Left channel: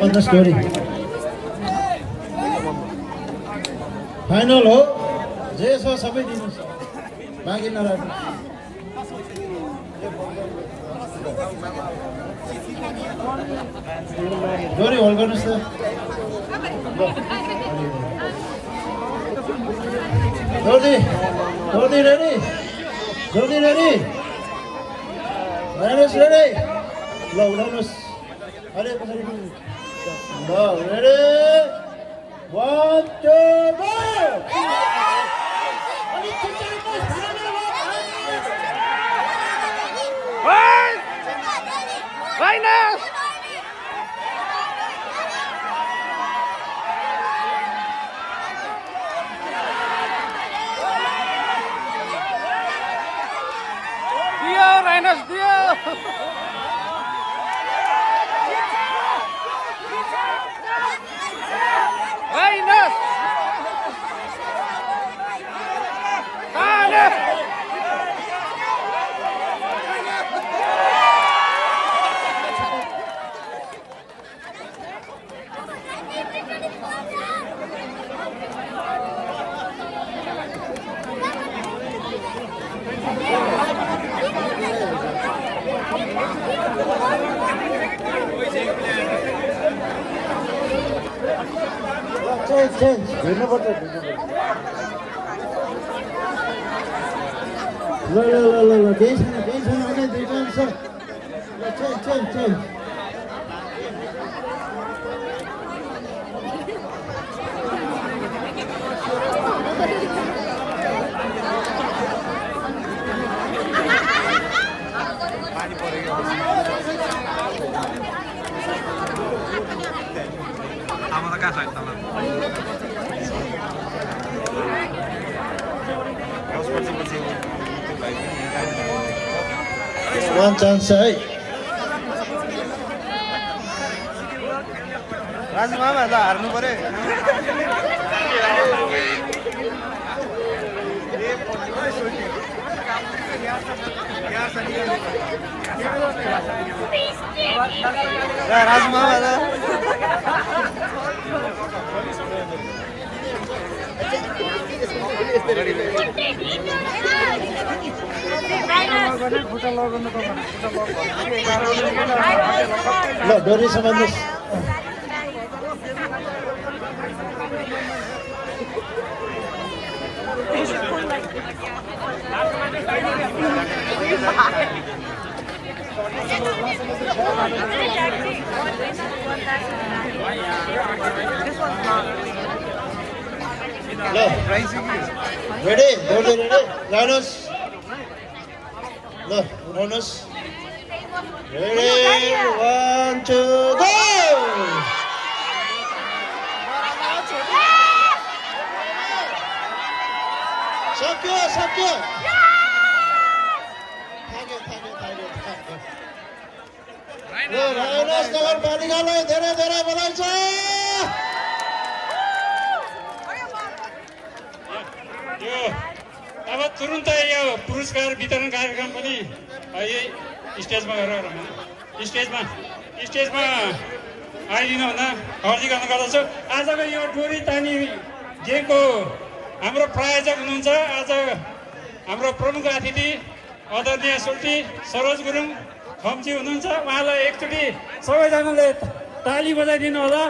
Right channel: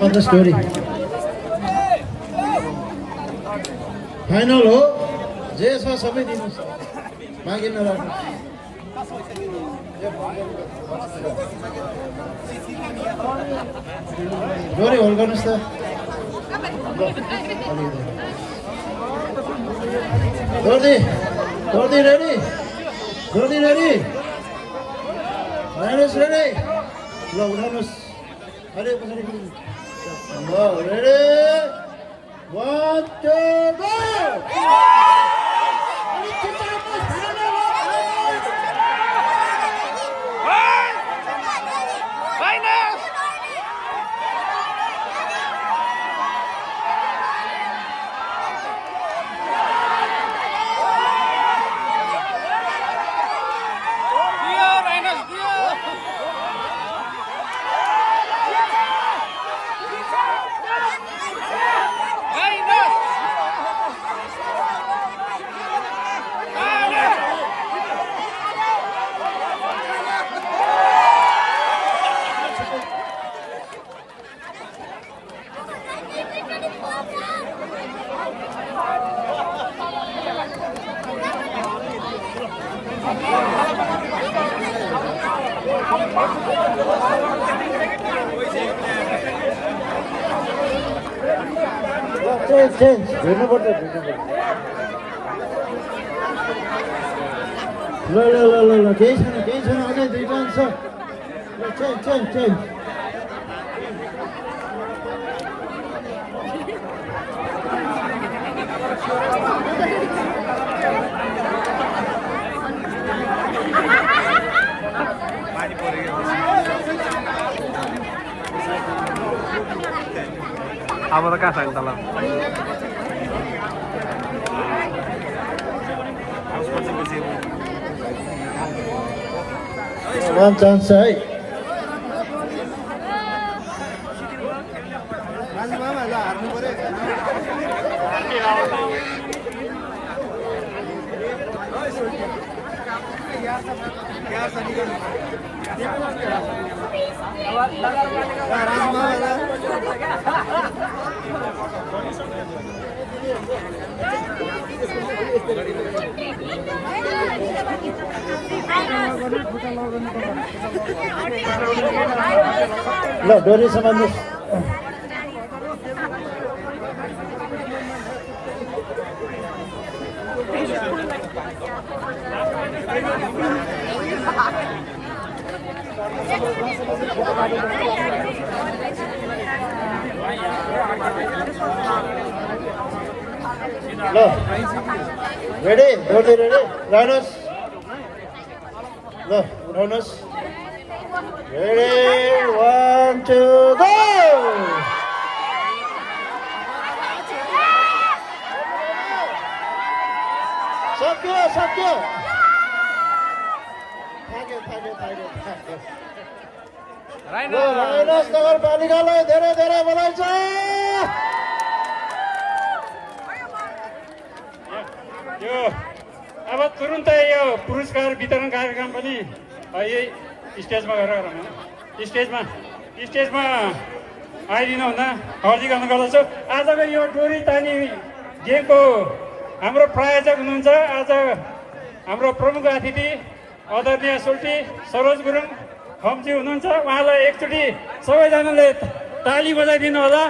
on the story. Final हो जे छ सबै दिनुस् बाँकी नराख्नु डोरी होल्ड गर्नुस् त डोरी डोरी रेडी डोरी रेडी रेडी रेडी ल उठाउनुस् अरे पछाडि ल रेडी 1 2 go change हेर्नुपर्छ ल केही छैन अझै 2 पोइन्ट छ ल change अब त कहाँ सक्छ ल one chance है राजु मामा ल हार्नु पर्यो राजु मामा ल ल डोरी समाल्नुस् ल रेडी डोरी रेडी लाउनुस् ल उठाउनुस् रेडी 1 2 go सक्यो राइनस नगरपालिकालाई धेरै धेरै बधाई छ अब तुरुन्तै यो पुरस्कार वितरण कार्यक्रम पनि यही स्टेजमा स्टेजमा आइदिनु हुँदा अर्जी गर्ने गर्दछु आजको यो डोरी तानी गेमको हाम्रो प्रायोजक हुनुहुन्छ आज हाम्रो प्रमुख अतिथि आदरणीय सुल्टी सरोज गुरुङ खम्ची हुनुहुन्छ उहाँलाई एकचोटि सबैजनाले ताली बजाइदिनु होला